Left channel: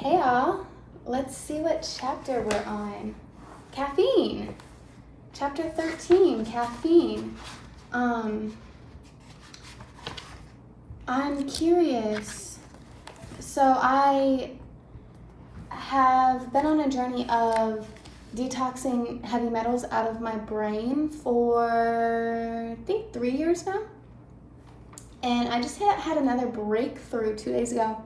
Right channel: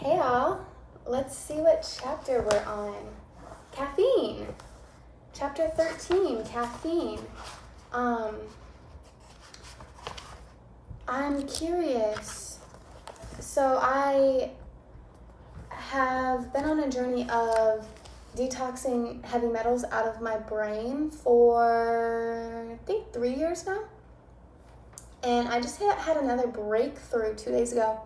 Hey all, let's see what chapter we're on. Caffeine. Chapter 13, caffeine. I'm curious. So I have been on a journey of detoxing heavy metals out of my brain for, I think, 3 years now. And I just had another breakthrough 2 days ago.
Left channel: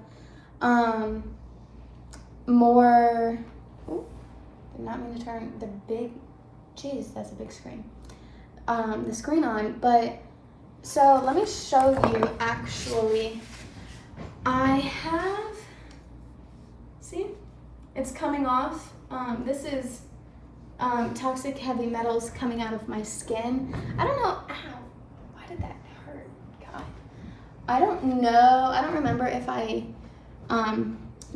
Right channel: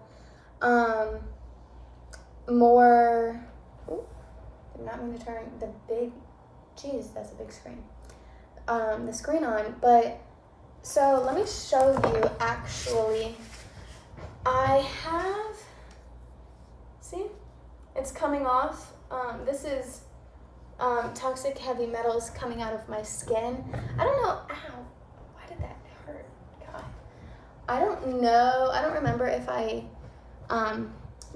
Did not mean to turn the big, geez, that's a big screen. The screen on, but so let me show you actually. I have, see, it's coming off. This is toxic heavy metals coming out of my skin. I don't know, ow, why did that hurt, God? I don't know, I don't remember if I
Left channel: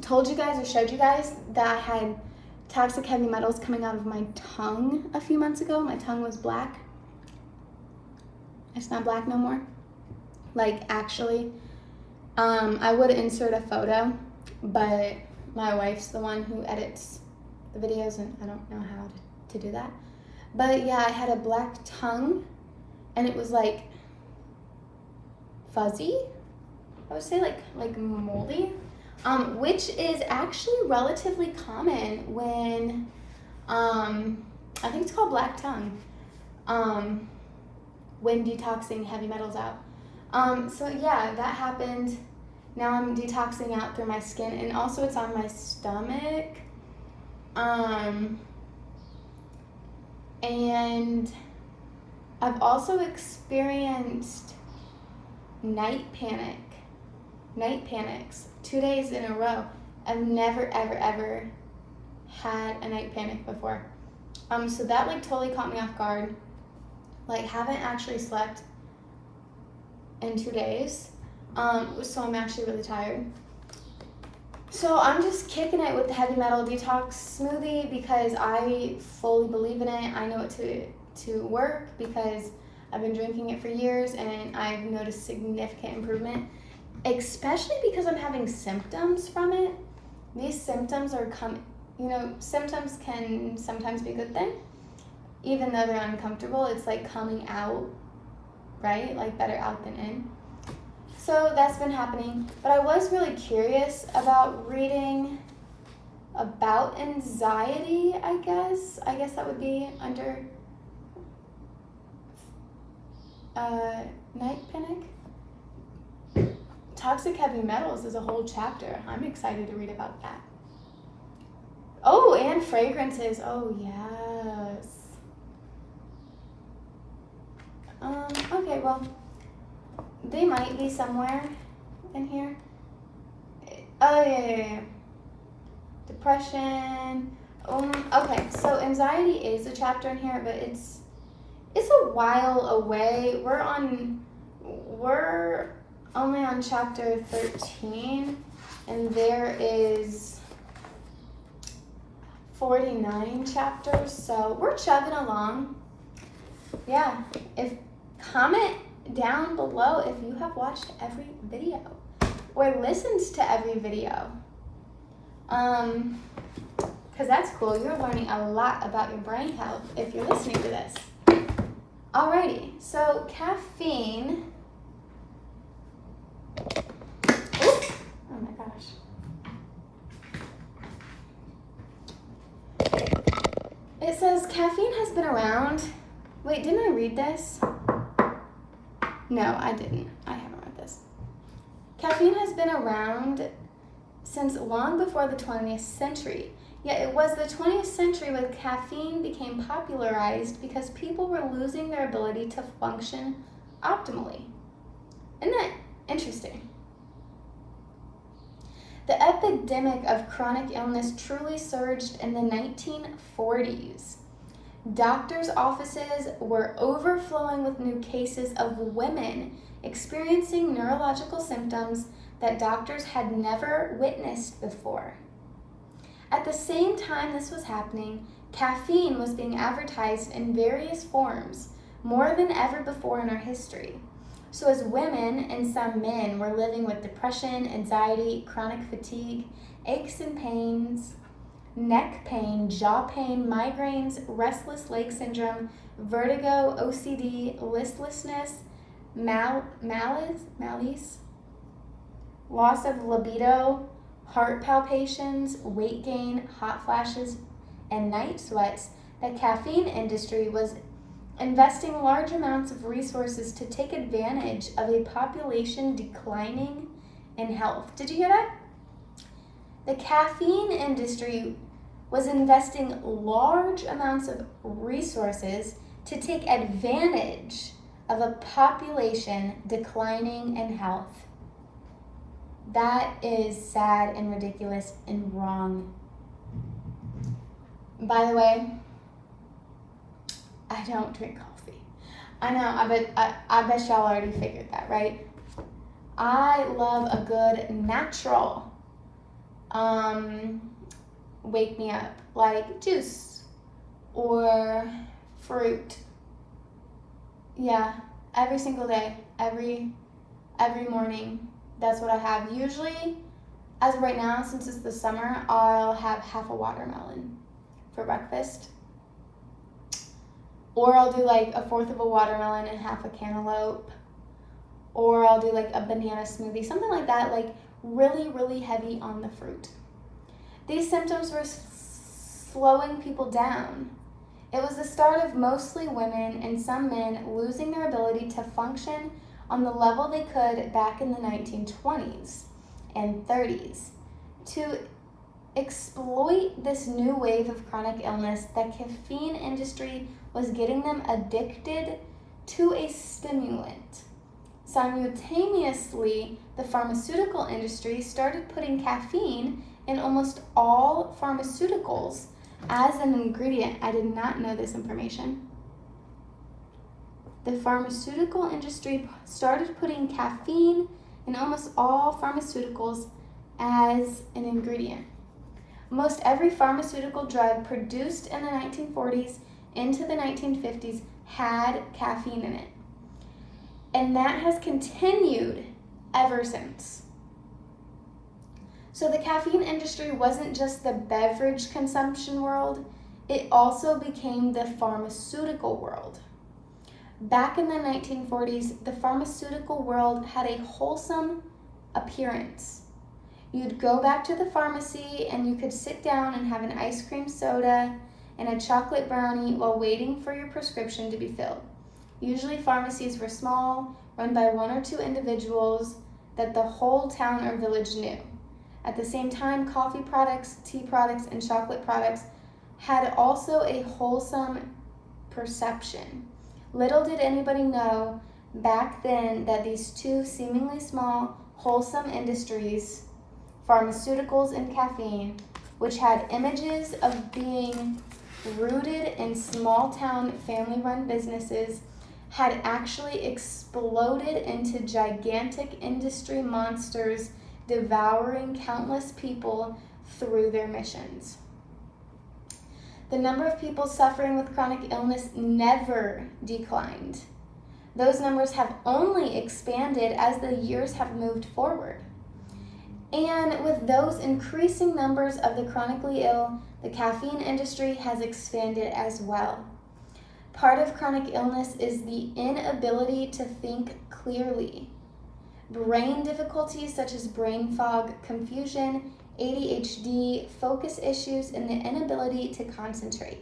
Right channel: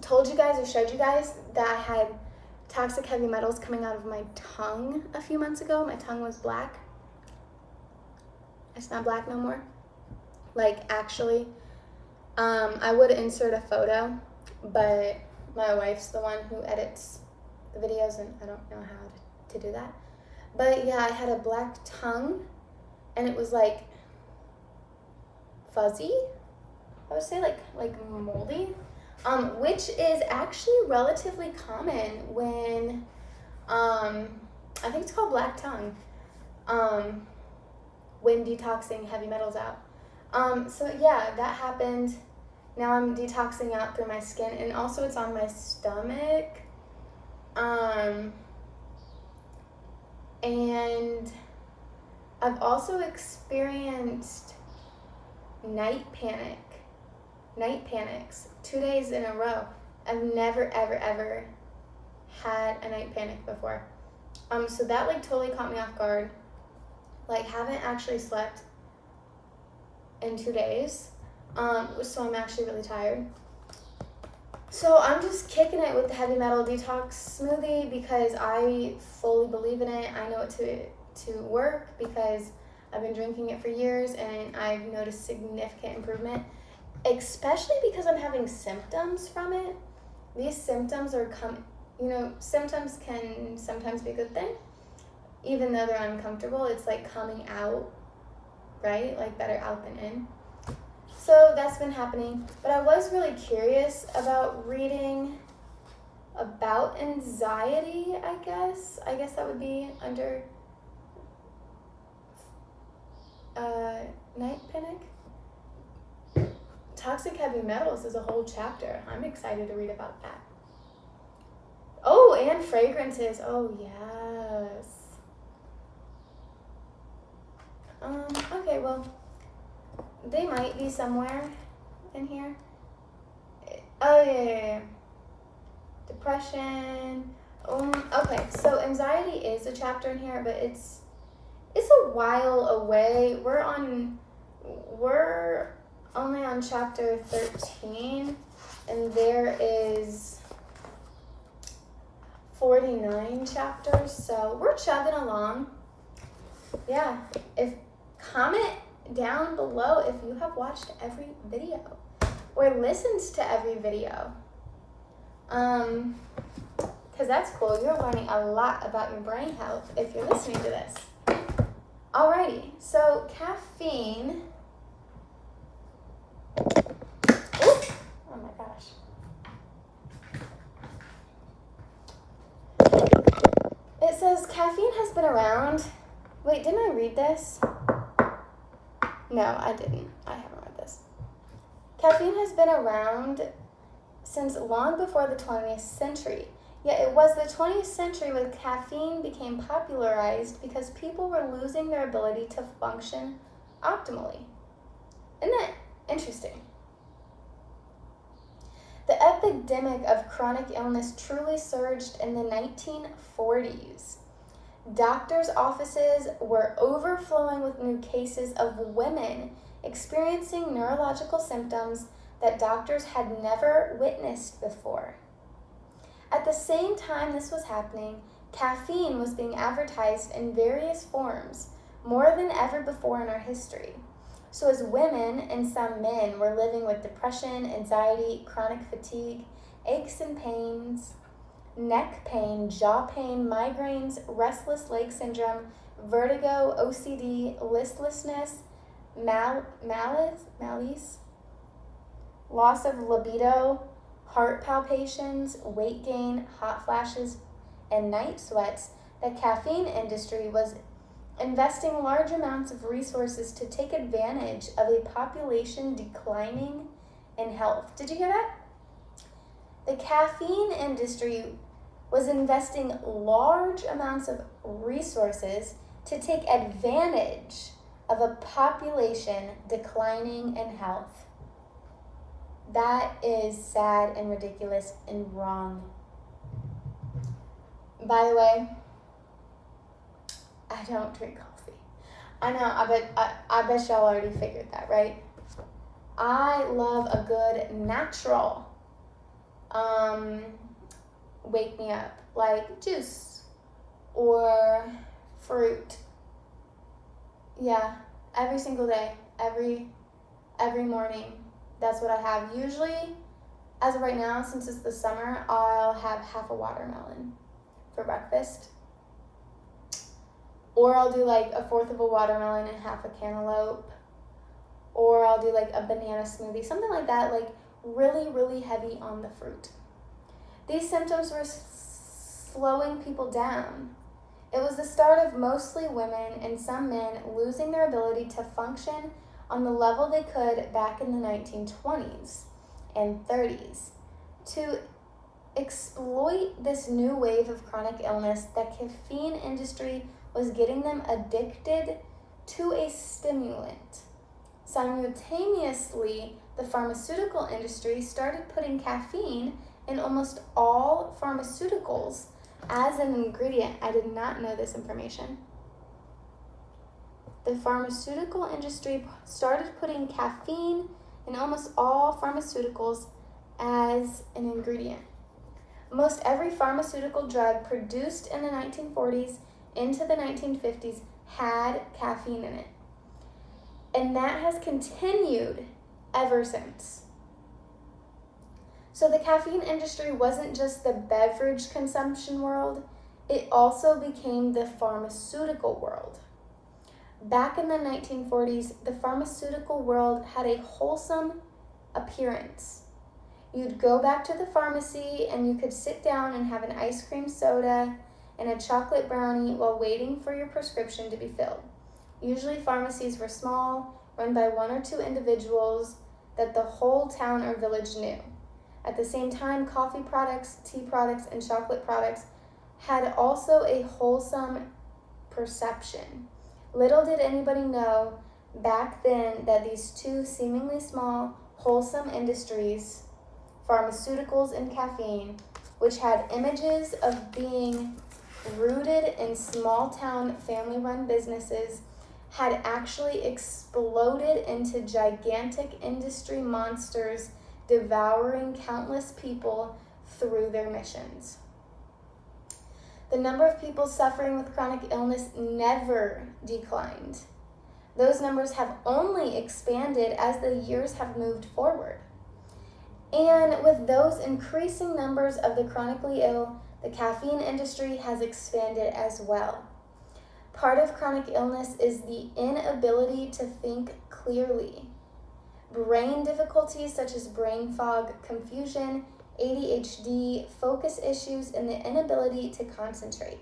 told you guys or showed you guys that I had toxic heavy metals coming out of my tongue a few months ago. My tongue was black. It's not black no more. Like, actually. I would insert a photo, but my wife's the one who edits the videos and I don't know how to do that. But yeah, I had a black tongue and it was like fuzzy. I would say like moldy. Which is actually relatively common when, I think it's called black tongue, when detoxing heavy metals out. So yeah, that happened. Now I'm detoxing out through my skin, and also it's on my stomach. And I've also experienced night panics 2 days in a row. I've never ever had a night panic before. So that like totally caught me off guard. Like, haven't actually slept in 2 days. So I'm actually really tired. So I'm just kicking it with the heavy metal detox smoothie because I fully believe in it. I know it to work because I've been drinking it for years and I've noticed significant improvement. Especially because I'm having symptoms from it. These symptoms are symptoms can sometimes be a good thing. Even though they're uncomfortable, it's like coming out, right? Like better out than in. So that's been happening. But I was really curious about reading about anxiety, I guess. I guess that would be under night panic. Toxic heavy metals is a whole chapter. I'm excited to read about that. Oh, and fragrances. Oh, yes. Okay, well, they might be somewhere in here. Oh, yeah. Depression. Okay, so anxiety is a chapter in here, but it's a while away. We're only on chapter 13, and there is 49 chapters, so we're chugging along. Yeah, comment down below if you have watched every video or listened to every video, because that's cool. You're learning a lot about your brain health if you're listening to this. Alrighty, so caffeine. Oh my gosh. It says caffeine has been around. Wait, didn't I read this? No, I didn't. I haven't read this. Caffeine has been around since long before the 20th century. Yet it was the 20th century when caffeine became popularized because people were losing their ability to function optimally. Isn't that interesting? The epidemic of chronic illness truly surged in the 1940s. Doctors' offices were overflowing with new cases of women experiencing neurological symptoms that doctors had never witnessed before. At the same time this was happening, caffeine was being advertised in various forms, more than ever before in our history. So as women and some men were living with depression, anxiety, chronic fatigue, aches and pains, neck pain, jaw pain, migraines, restless leg syndrome, vertigo, OCD, listlessness, malaise, loss of libido, heart palpitations, weight gain, hot flashes, and night sweats, the caffeine industry was investing large amounts of resources to take advantage of a population declining in health. Did you hear that? The caffeine industry was investing large amounts of resources to take advantage of a population declining in health. That is sad and ridiculous and wrong. By the way, I don't drink coffee. I know, I bet y'all already figured that, right? I love a good natural wake me up, like juice or fruit. Yeah, every single day, every morning. That's what I have. Usually, as of right now, since it's the summer, I'll have half a watermelon for breakfast. Or I'll do like a fourth of a watermelon and half a cantaloupe. Or I'll do like a banana smoothie, something like that, like really, really heavy on the fruit. These symptoms were slowing people down. It was the start of mostly women and some men losing their ability to function on the level they could back in the 1920s and 30s. To exploit this new wave of chronic illness, the caffeine industry was getting them addicted to a stimulant. Simultaneously, the pharmaceutical industry started putting caffeine in almost all pharmaceuticals as an ingredient. I did not know this information. The pharmaceutical industry started putting caffeine in almost all pharmaceuticals as an ingredient. Most every pharmaceutical drug produced in the 1940s into the 1950s had caffeine in it. And that has continued ever since. So the caffeine industry wasn't just the beverage consumption world, it also became the pharmaceutical world. Back in the 1940s, the pharmaceutical world had a wholesome appearance. You'd go back to the pharmacy and you could sit down and have an ice cream soda and a chocolate brownie while waiting for your prescription to be filled. Usually pharmacies were small, run by one or two individuals that the whole town or village knew. At the same time, coffee products, tea products, and chocolate products had also a wholesome perception. Little did anybody know back then that these two seemingly small, wholesome industries, pharmaceuticals and caffeine, which had images of being rooted in small-town family-run businesses, had actually exploded into gigantic industry monsters devouring countless people through their missions. The number of people suffering with chronic illness never declined. Those numbers have only expanded as the years have moved forward. And with those increasing numbers of the chronically ill, the caffeine industry has expanded as well. Part of chronic illness is the inability to think clearly. Brain difficulties such as brain fog, confusion, ADHD, focus issues, and the inability to concentrate.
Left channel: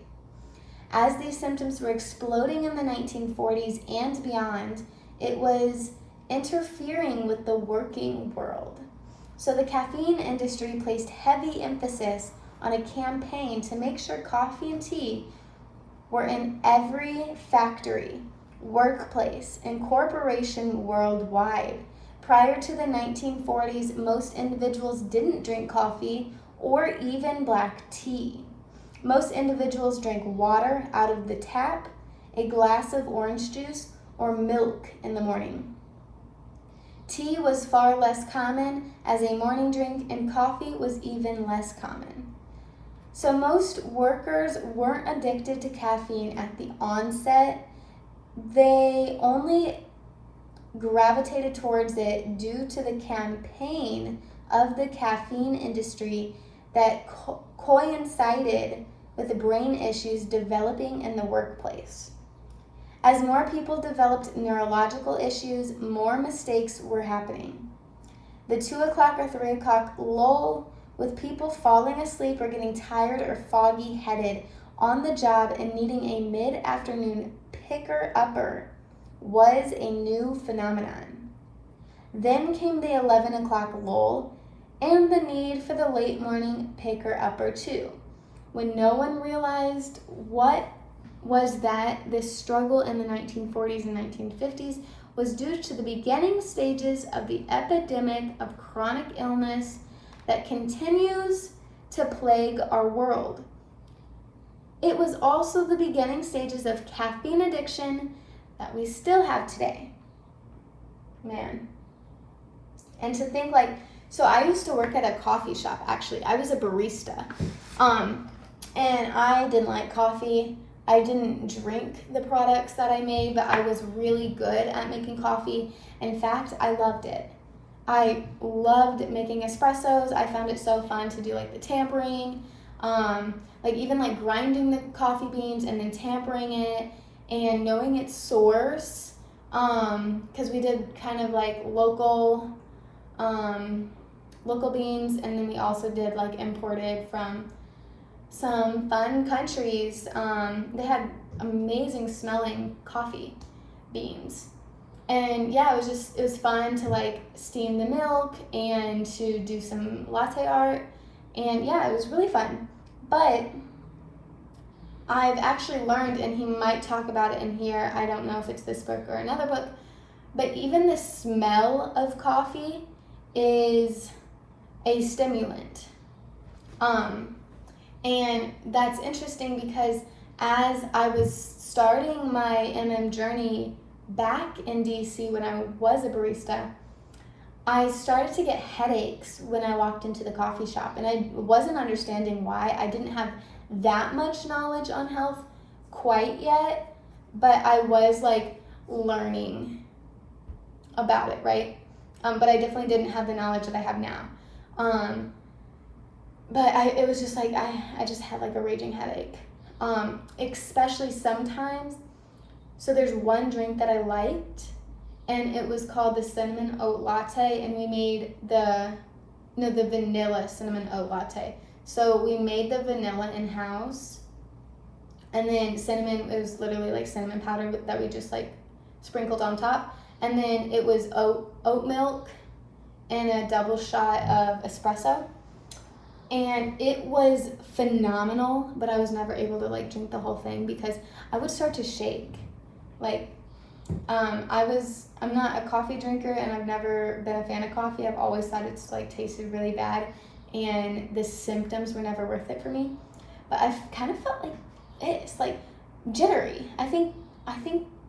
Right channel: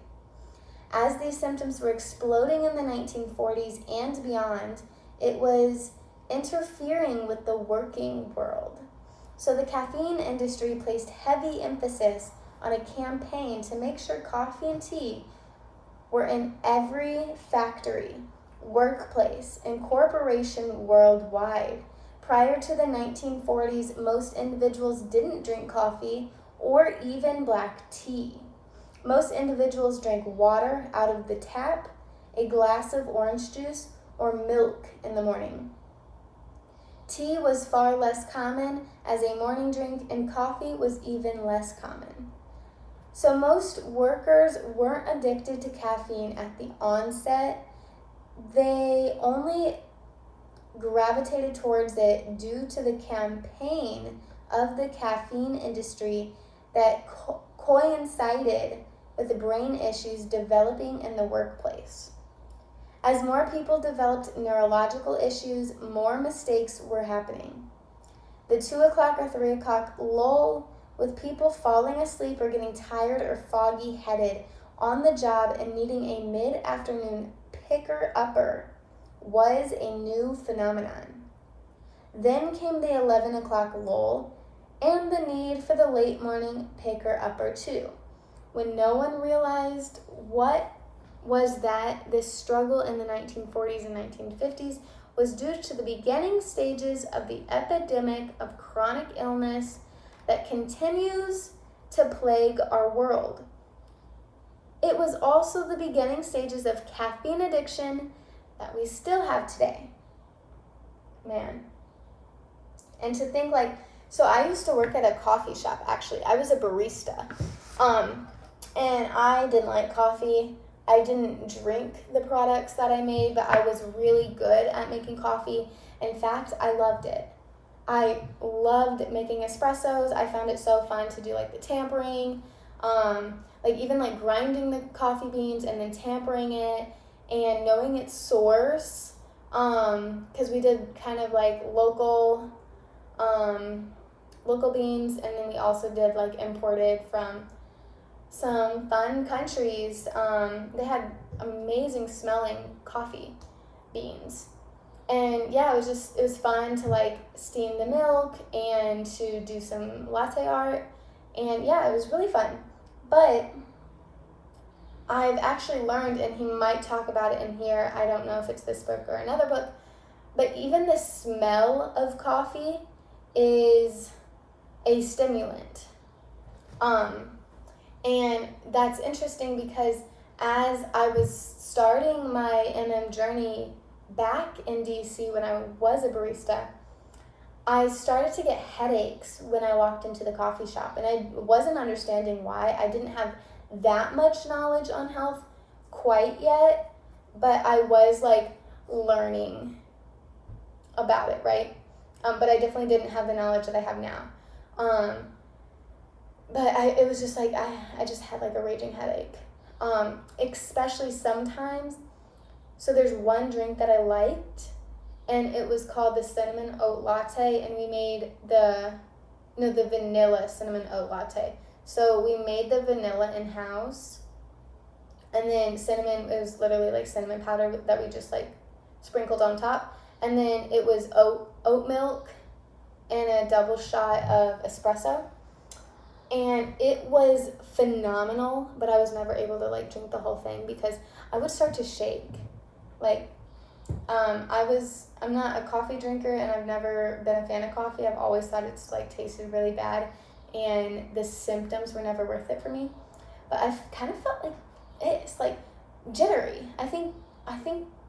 As these symptoms were exploding in the 1940s and beyond, it was interfering with the working world. So the caffeine industry placed heavy emphasis on a campaign to make sure coffee and tea were in every factory, workplace, and corporation worldwide. Prior to the 1940s, most individuals didn't drink coffee or even black tea. Most individuals drank water out of the tap, a glass of orange juice, or milk in the morning. Tea was far less common as a morning drink, and coffee was even less common. So most workers weren't addicted to caffeine at the onset. They only gravitated towards it due to the campaign of the caffeine industry that coincided with brain issues developing in the workplace. As more people developed neurological issues, more mistakes were happening. The 2 o'clock or 3 o'clock lull with people falling asleep or getting tired or foggy-headed on the job and needing a mid-afternoon picker-upper was a new phenomenon. Then came the 11 o'clock lull and the need for the late morning picker-upper too, when no one realized what was that this struggle in the 1940s and 1950s was due to the beginning stages of the epidemic of chronic illness that continues to plague our world. It was also the beginning stages of caffeine addiction that we still have today. Man. And to think like, so I used to work at a coffee shop, actually. I was a barista. And I didn't like coffee. I didn't drink the products that I made, but I was really good at making coffee. In fact, I loved it. I loved making espressos. I found it so fun to do like the tampering, like even like grinding the coffee beans and then tampering it and knowing its source. Because we did kind of like local beans, and then we also did like imported from some fun countries. They had amazing smelling coffee beans. And yeah, it was fun to like steam the milk and to do some latte art. And yeah, it was really fun. But I've actually learned, and he might talk about it in here, I don't know if it's this book or another book, but even the smell of coffee is a stimulant. And that's interesting because as I was starting my MM journey back in DC when I was a barista, I started to get headaches when I walked into the coffee shop, and I wasn't understanding why. I didn't have that much knowledge on health quite yet, but I was like learning about it, right? But I definitely didn't have the knowledge that I have now. But it was just like, I just had like a raging headache, especially sometimes. So there's one drink that I liked, and it was called the cinnamon oat latte, and we made the vanilla cinnamon oat latte. So we made the vanilla in-house, and then cinnamon, it was literally like cinnamon powder that we just like sprinkled on top, and then it was oat milk and a double shot of espresso. And it was phenomenal, but I was never able to like drink the whole thing because I would start to shake. Like, I'm not a coffee drinker, and I've never been a fan of coffee. I've always thought it's like tasted really bad, and the symptoms were never worth it for me. But I kind of felt like it's like jittery. I think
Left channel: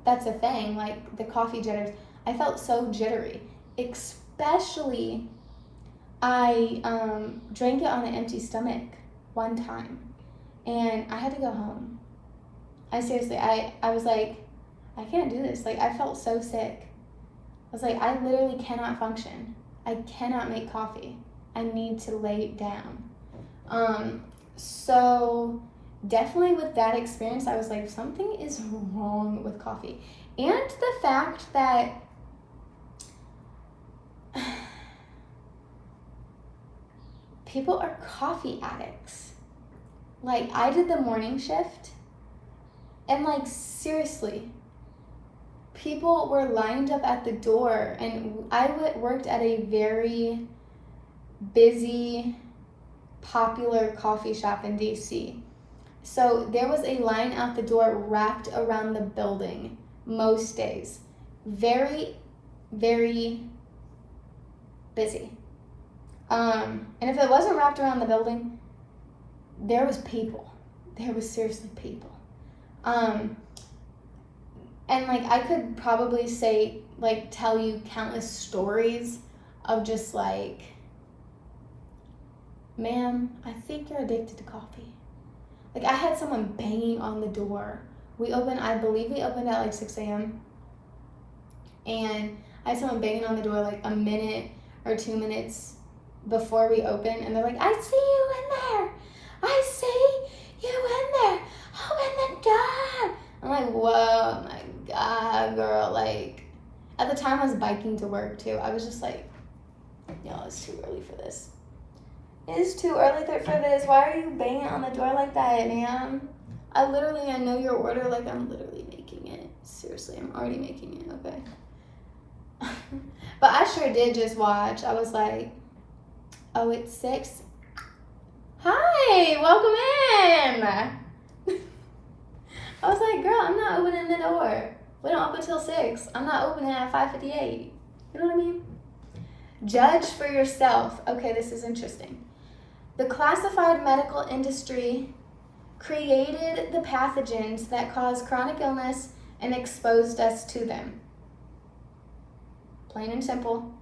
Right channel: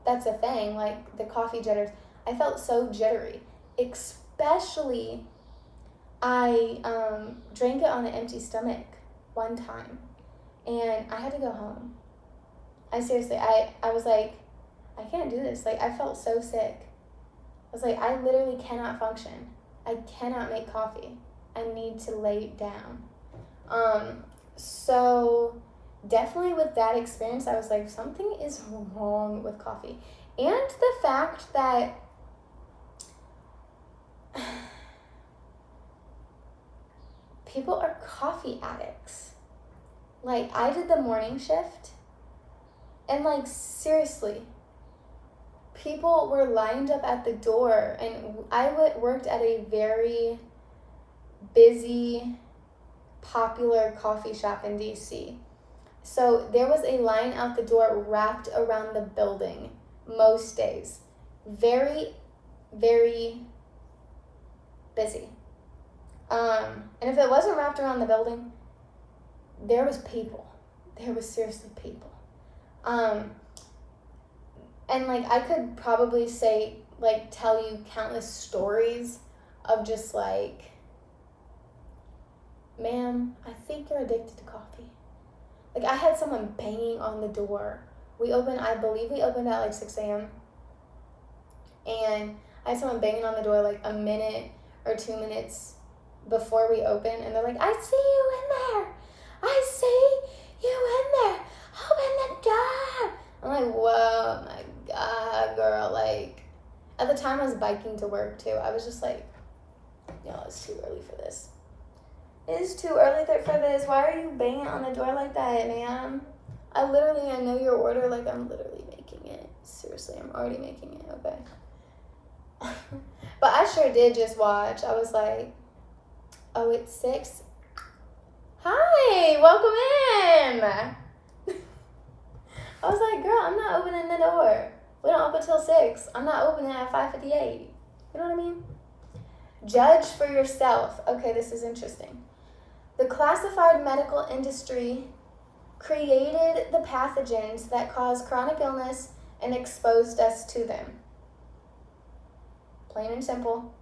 that's a thing, like the coffee jitters. I felt so jittery, especially I drank it on an empty stomach one time, and I had to go home. I was like, I can't do this. Like, I felt so sick. I was like, I literally cannot function. I cannot make coffee. I need to lay down. So definitely with that experience, I was like, something is wrong with coffee. And the fact that people are coffee addicts. Like, I did the morning shift, and like, seriously, people were lined up at the door, and I worked at a very busy, popular coffee shop in DC. So there was a line out the door wrapped around the building most days. Very, very busy. And if it wasn't wrapped around the building, there was people. There was seriously people. And like, I could probably tell you countless stories of just like, ma'am, I think you're addicted to coffee. Like, I had someone banging on the door. I believe we opened at like 6 a.m. And I had someone banging on the door like a minute or 2 minutes before we open, and they're like, I see you in there. I see you in there. Open the door. I'm like, whoa, my God, girl. Like, at the time I was biking to work too. I was just like, yo, it's too early for this. It's too early for this. Why are you banging on the door like that, man? I know your order. Like, I'm literally making it. Seriously, I'm already making it. Okay. But I sure did just watch. I was like, oh, it's 6. Hi, welcome in. I was like, girl, I'm not opening the door. We don't open till 6. I'm not opening at 5:58. You know what I mean? Judge for yourself. Okay, this is interesting. The classified medical industry created the pathogens that cause chronic illness and exposed us to them. Plain and simple.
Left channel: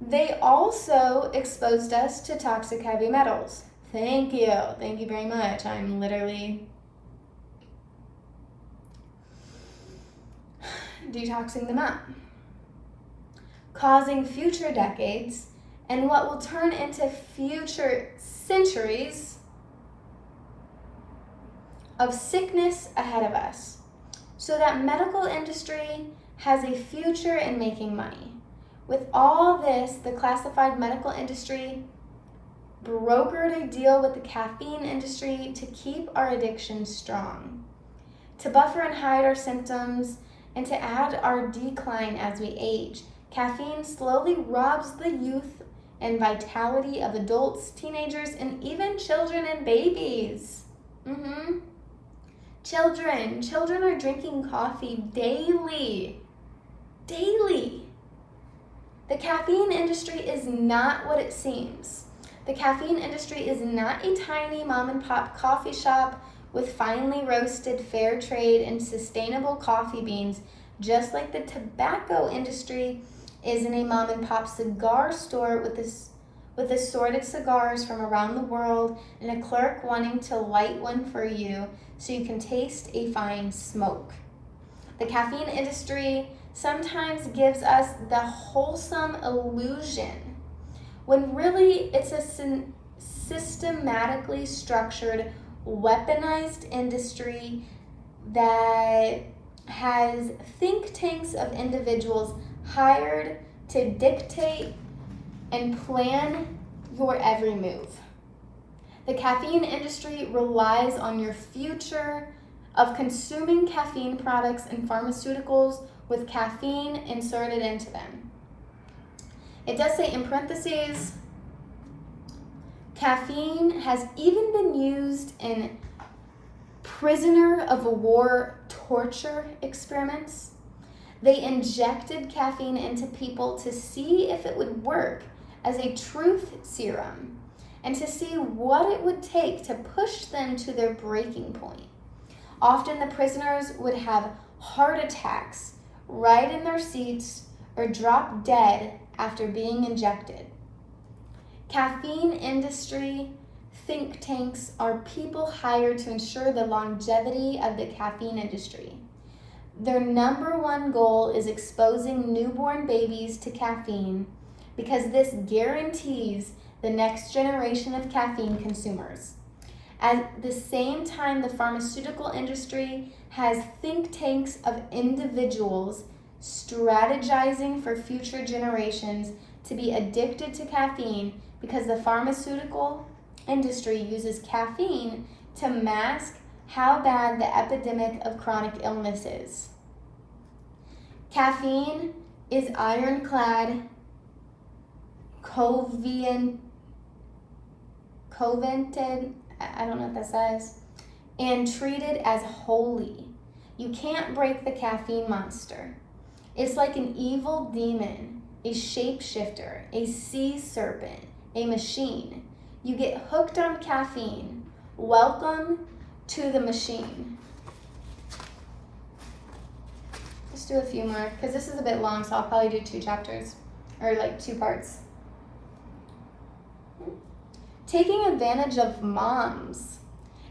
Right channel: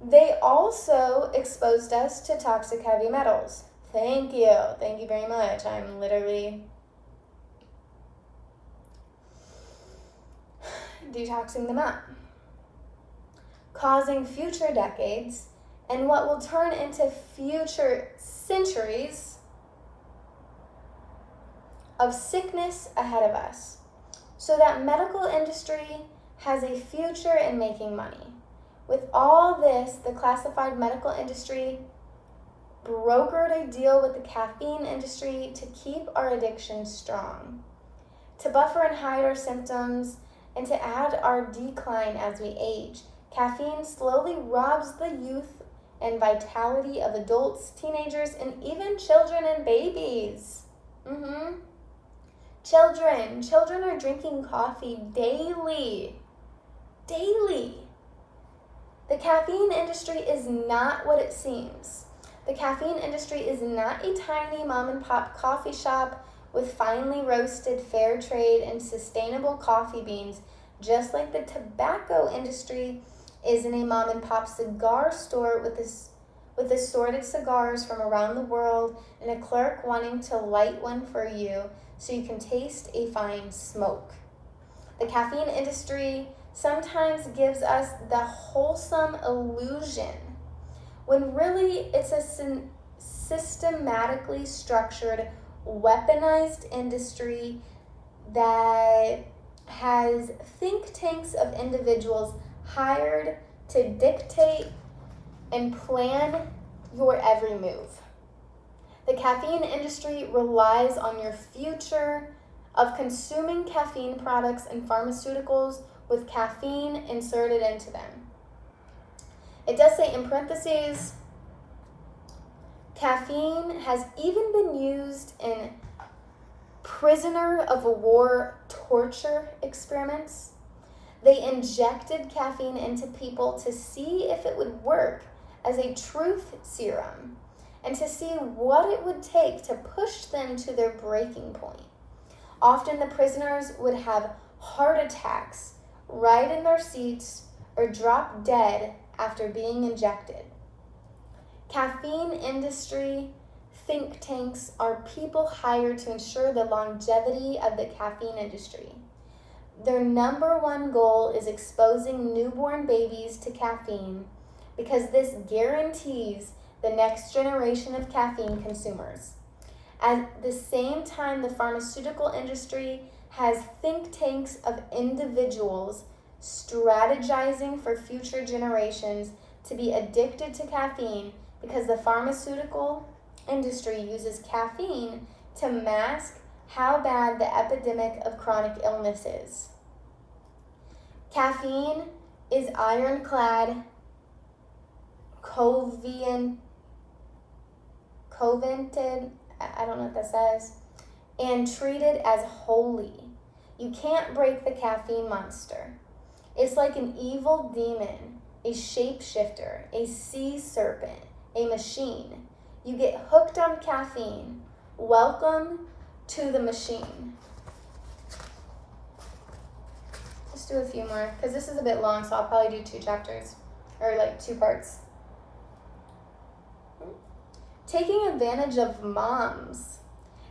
They also exposed us to toxic heavy metals. Thank you. Thank you very much. I'm literally detoxing them out, causing future decades and what will turn into future centuries of sickness ahead of us. So that medical industry has a future in making money. With all this, the classified medical industry brokered a deal with the caffeine industry to keep our addiction strong, to buffer and hide our symptoms, and to add our decline as we age. Caffeine slowly robs the youth and vitality of adults, teenagers, and even children and babies. Children are drinking coffee daily. The caffeine industry is not what it seems. The caffeine industry is not a tiny mom and pop coffee shop with finely roasted fair trade and sustainable coffee beans, just like the tobacco industry isn't a mom and pop cigar store with assorted cigars from around the world and a clerk wanting to light one for you so you can taste a fine smoke. The caffeine industry sometimes gives us the wholesome illusion when really it's a systematically structured, weaponized industry that has think tanks of individuals hired to dictate and plan your every move. The caffeine industry relies on your future of consuming caffeine products and pharmaceuticals with caffeine inserted into them. It does say in parentheses, caffeine has even been used in prisoner of war torture experiments. They injected caffeine into people to see if it would work as a truth serum and to see what it would take to push them to their breaking point. Often the prisoners would have heart attacks right in their seats or drop dead after being injected. Caffeine industry think tanks are people hired to ensure the longevity of the caffeine industry. Their number one goal is exposing newborn babies to caffeine because this guarantees the next generation of caffeine consumers. At the same time, the pharmaceutical industry has think tanks of individuals strategizing for future generations to be addicted to caffeine because the pharmaceutical industry uses caffeine to mask how bad the epidemic of chronic illness is. Caffeine is ironclad, covenanted, I don't know what that says, and treated as holy. You can't break the caffeine monster. It's like an evil demon, a shapeshifter, a sea serpent, a machine. You get hooked on caffeine. Welcome to the machine. Let's do a few more, because this is a bit long, so I'll probably do 2 chapters, or like 2 parts. Taking advantage of moms.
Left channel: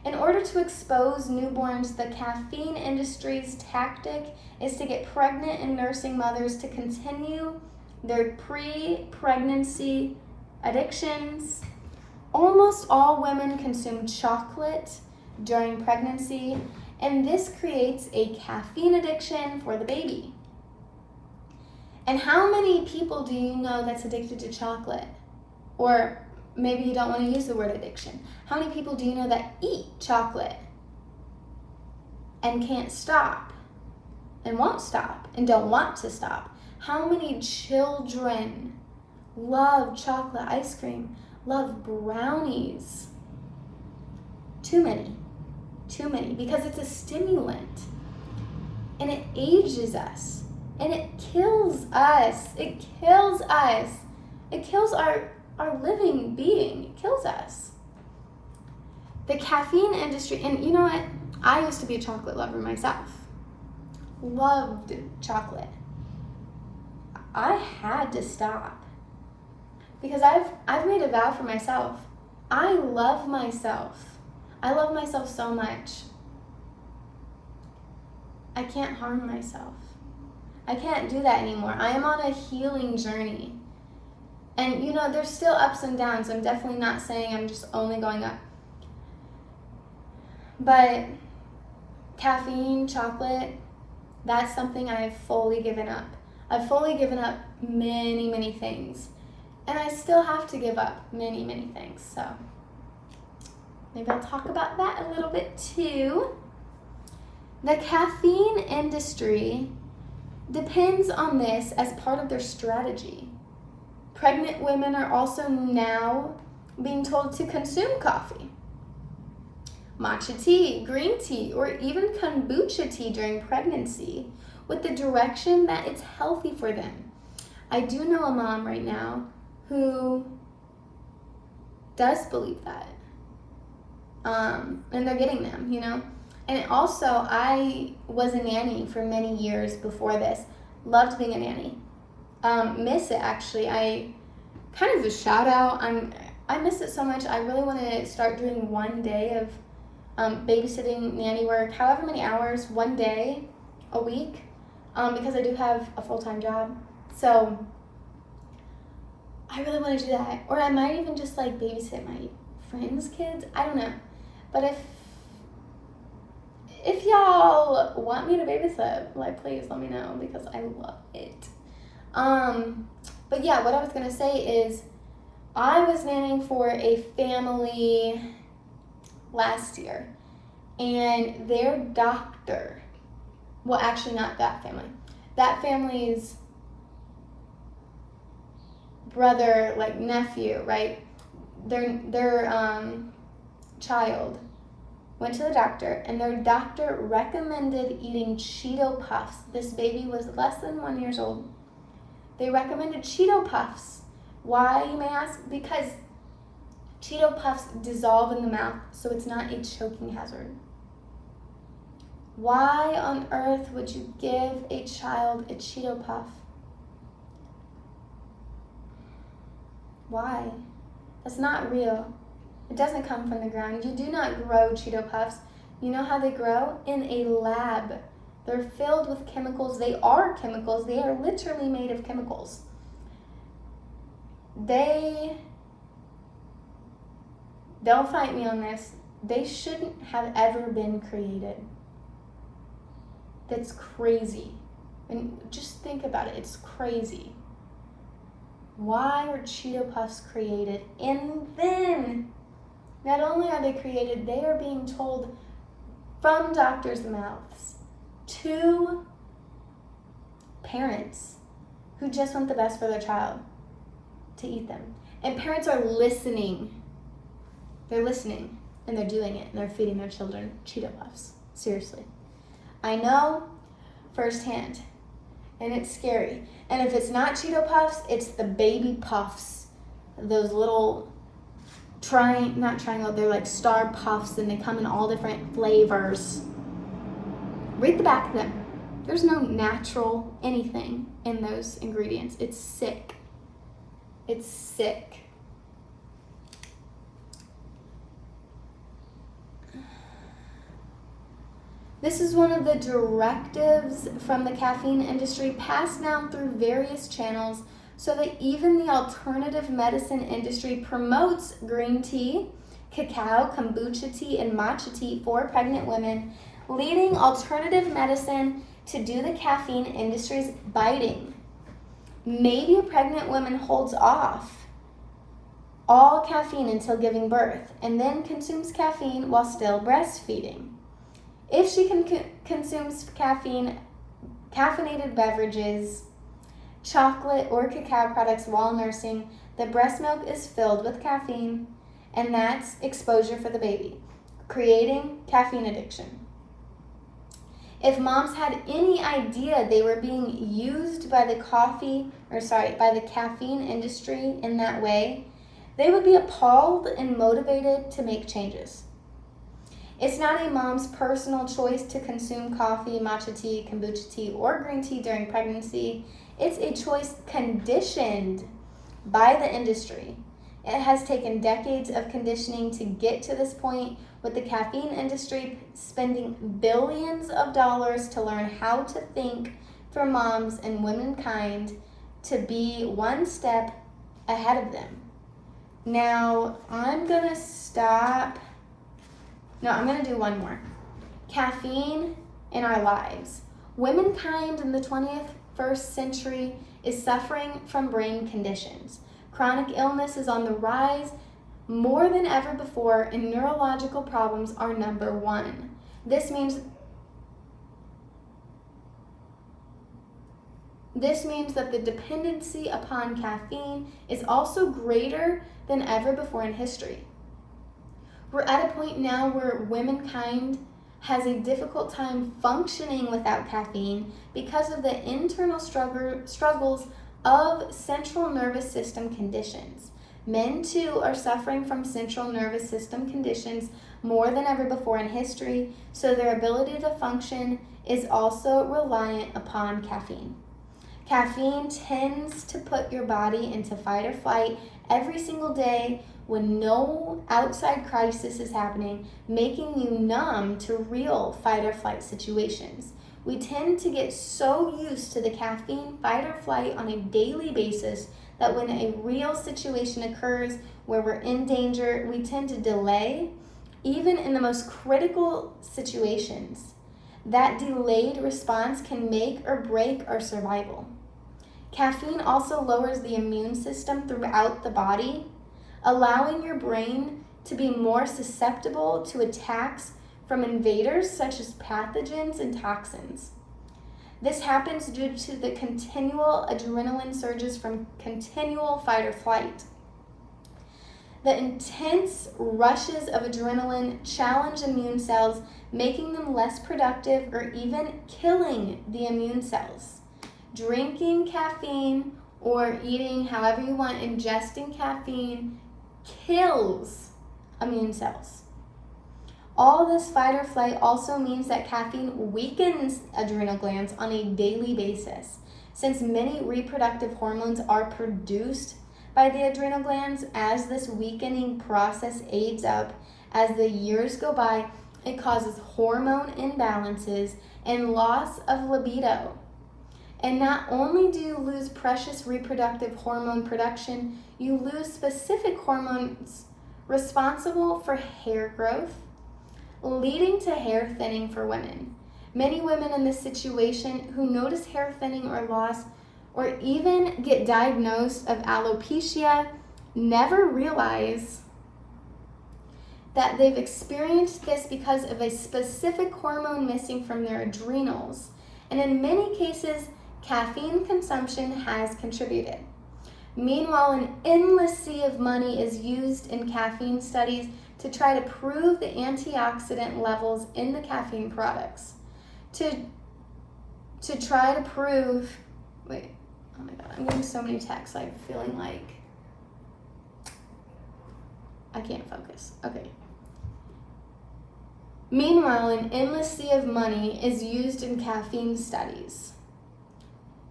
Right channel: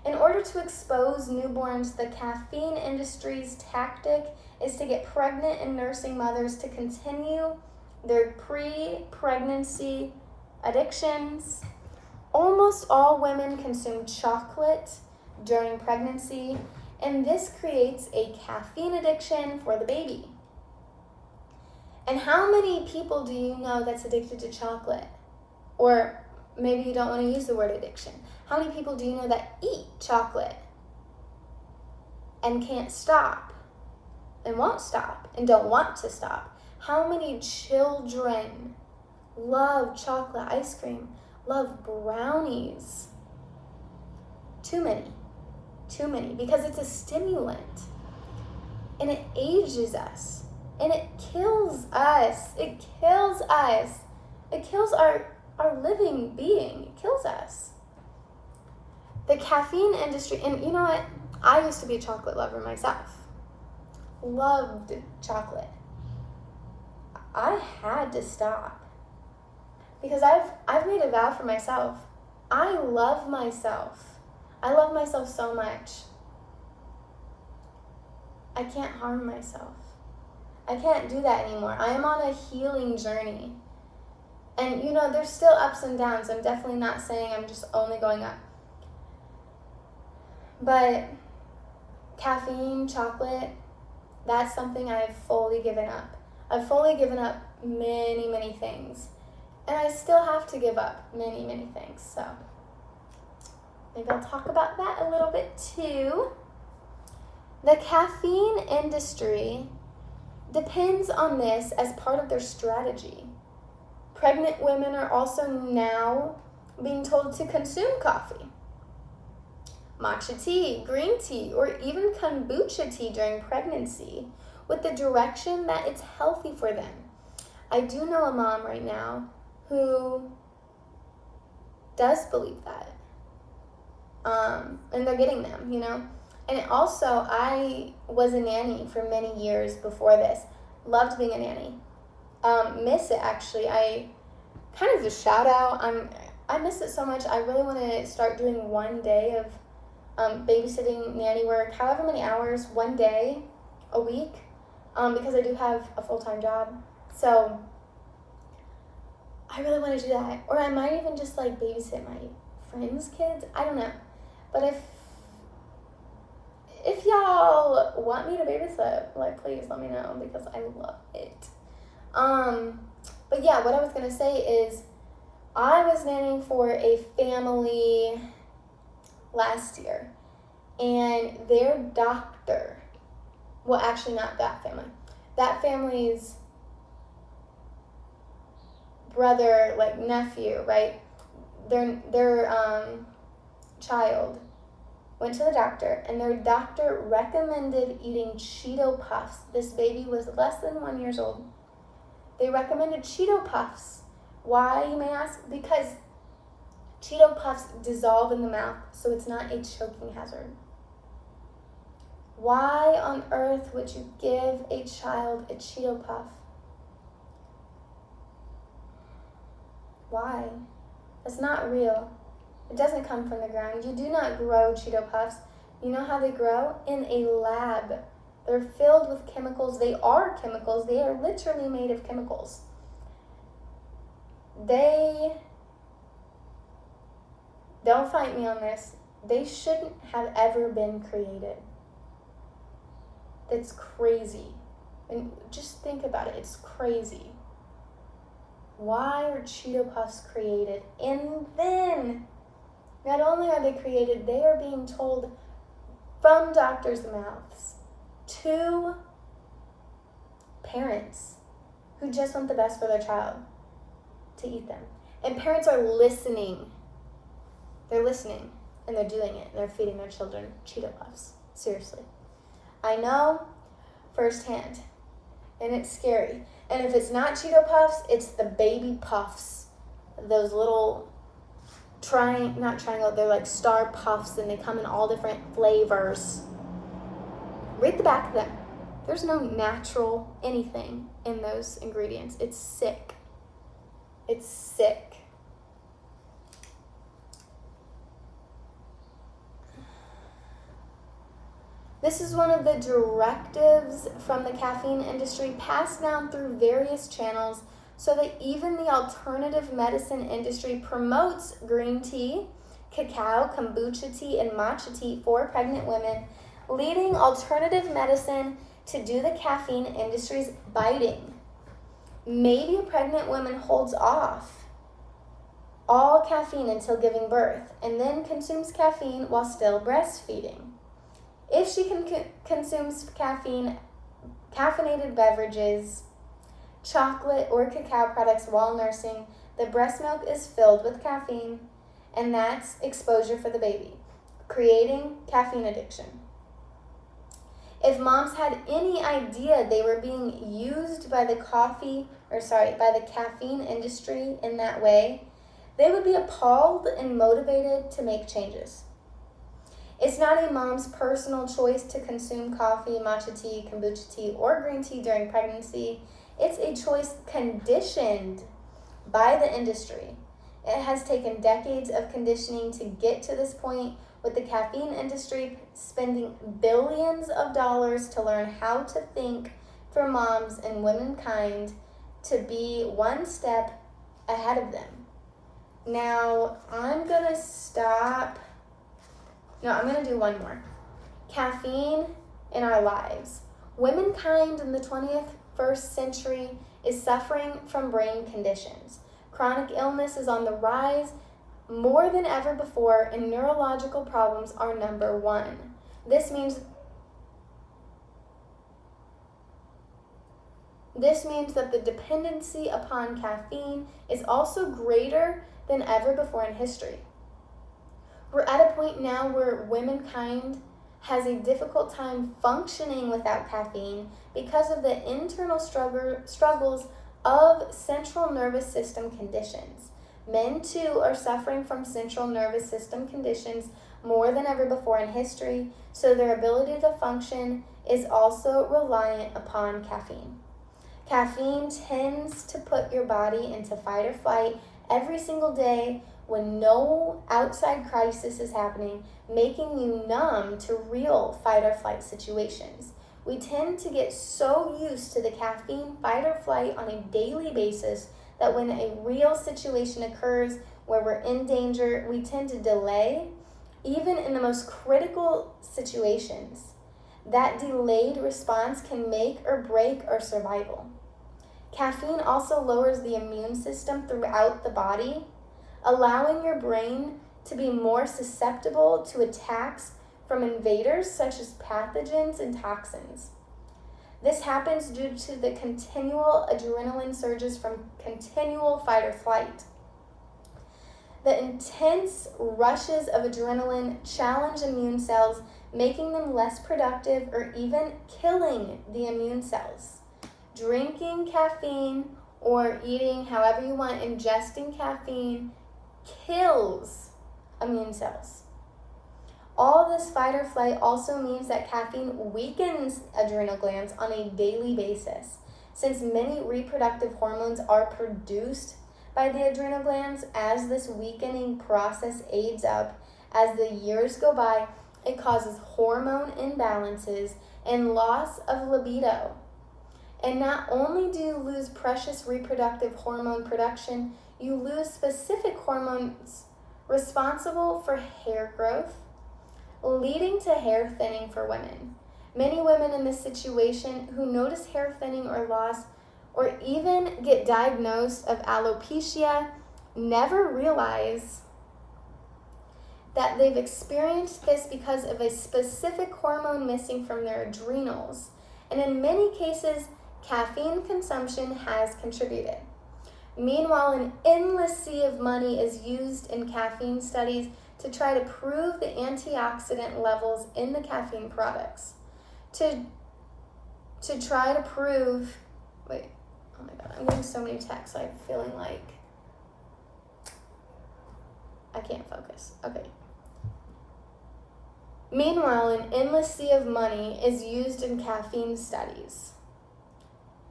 In order to expose newborns, the caffeine industry's tactic is to get pregnant and nursing mothers to continue their pre-pregnancy addictions. Almost all women consume chocolate during pregnancy, and this creates a caffeine addiction for the baby. And how many people do you know that's addicted to chocolate? Or maybe you don't want to use the word addiction. How many people do you know that eat chocolate and can't stop and won't stop and don't want to stop? How many children love chocolate ice cream, love brownies? Too many, because it's a stimulant and it ages us and it kills us. It kills our living being. It kills us. The caffeine industry, and you know what? I used to be a chocolate lover myself. Loved chocolate. I had to stop because I've made a vow for myself. I love myself. I love myself so much. I can't harm myself. I can't do that anymore. I am on a healing journey. And you know, there's still ups and downs. I'm definitely not saying I'm just only going up. But caffeine, chocolate, that's something I've fully given up. I've fully given up many, many things. And I still have to give up many, many things. So maybe I'll talk about that a little bit too. The caffeine industry depends on this as part of their strategy. Pregnant women are also now being told to consume coffee, matcha tea, green tea, or even kombucha tea during pregnancy with the direction that it's healthy for them. I do know a mom right now who does believe that. And they're getting them, you know. And also, I was a nanny for many years before this. Loved being a nanny. Miss it, actually. I kind of a shout out. I miss it so much. I really want to start doing one day of babysitting, nanny work, however many hours, one day a week, because I do have a full-time job. So I really want to do that. Or I might even just like babysit my friends' kids. I don't know. But if y'all want me to babysit, like, please let me know because I love it. But yeah, what I was gonna say is I was nannying for a family last year, and their doctor, well, actually not that family, that family's brother, like nephew, right? Their child went to the doctor, and their doctor recommended eating Cheeto Puffs. This baby was less than 1 year old. They recommended Cheeto Puffs. Why, you may ask? Because Cheeto Puffs dissolve in the mouth, so it's not a choking hazard. Why on earth would you give a child a Cheeto Puff? Why? That's not real. It doesn't come from the ground. You do not grow Cheeto Puffs. You know how they grow? In a lab. They're filled with chemicals. They are chemicals. They are literally made of chemicals. Don't fight me on this. They shouldn't have ever been created. That's crazy. And just think about it. It's crazy. Why are Cheeto Puffs created? And then, not only are they created, they are being told from doctors' mouths to parents who just want the best for their child to eat them. And parents are listening. They're listening, and they're doing it, and they're feeding their children Cheeto Puffs. Seriously. I know firsthand, and it's scary. And if it's not Cheeto Puffs, it's the baby puffs. Those little not triangle, they're like star puffs, and they come in all different flavors. Read the back of them. There's no natural anything in those ingredients. It's sick. It's sick. This is one of the directives from the caffeine industry passed down through various channels so that even the alternative medicine industry promotes green tea, cacao, kombucha tea, and matcha tea for pregnant women, leading alternative medicine to do the caffeine industry's biting. Maybe a pregnant woman holds off all caffeine until giving birth and then consumes caffeine while still breastfeeding. If she consumes caffeinated beverages, chocolate, or cacao products while nursing, the breast milk is filled with caffeine, and that's exposure for the baby, creating caffeine addiction. If moms had any idea they were being used by the caffeine industry in that way, they would be appalled and motivated to make changes. It's not a mom's personal choice to consume coffee, matcha tea, kombucha tea, or green tea during pregnancy. It's a choice conditioned by the industry. It has taken decades of conditioning to get to this point, with the caffeine industry spending billions of dollars to learn how to think for moms and womankind to be one step ahead of them. Now, I'm going to do one more. Caffeine in our lives. Womankind in the 21st century is suffering from brain conditions. Chronic illness is on the rise more than ever before, and neurological problems are number one. This means that the dependency upon caffeine is also greater than ever before in history. We're at a point now where womankind has a difficult time functioning without caffeine because of the internal struggles of central nervous system conditions. Men, too, are suffering from central nervous system conditions more than ever before in history, so their ability to function is also reliant upon caffeine. Caffeine tends to put your body into fight or flight every single day when no outside crisis is happening, making you numb to real fight or flight situations. We tend to get so used to the caffeine fight or flight on a daily basis that when a real situation occurs where we're in danger, we tend to delay, even in the most critical situations. That delayed response can make or break our survival. Caffeine also lowers the immune system throughout the body, allowing your brain to be more susceptible to attacks from invaders such as pathogens and toxins. This happens due to the continual adrenaline surges from continual fight or flight. The intense rushes of adrenaline challenge immune cells, making them less productive or even killing the immune cells. Drinking caffeine or eating however you want, ingesting caffeine kills immune cells. All this fight or flight also means that caffeine weakens adrenal glands on a daily basis. Since many reproductive hormones are produced by the adrenal glands, as this weakening process aids up, as the years go by, it causes hormone imbalances and loss of libido. And not only do you lose precious reproductive hormone production, you lose specific hormones responsible for hair growth, leading to hair thinning for women. Many women in this situation who notice hair thinning or loss, or even get diagnosed of alopecia, never realize that they've experienced this because of a specific hormone missing from their adrenals. And in many cases, caffeine consumption has contributed. Meanwhile, an endless sea of money is used in caffeine studies to try to prove the antioxidant levels in the caffeine products. To try to prove, oh my God, I'm getting so many texts, I'm feeling like I can't focus. Okay. Meanwhile, an endless sea of money is used in caffeine studies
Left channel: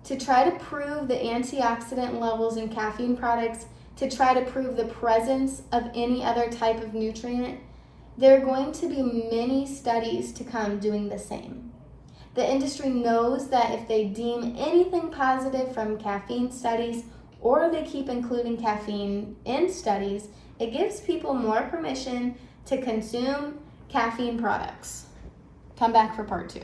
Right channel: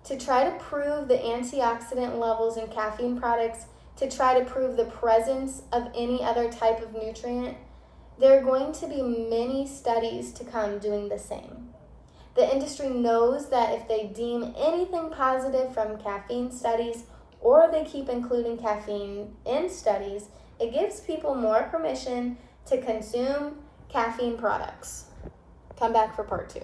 to try to prove the antioxidant levels in caffeine products, to try to prove the presence of any other type of nutrient. There are going to be many studies to come doing the same. The industry knows that if they deem anything positive from caffeine studies or they keep including caffeine in studies, it gives people more permission to consume caffeine products. Come back for part 2.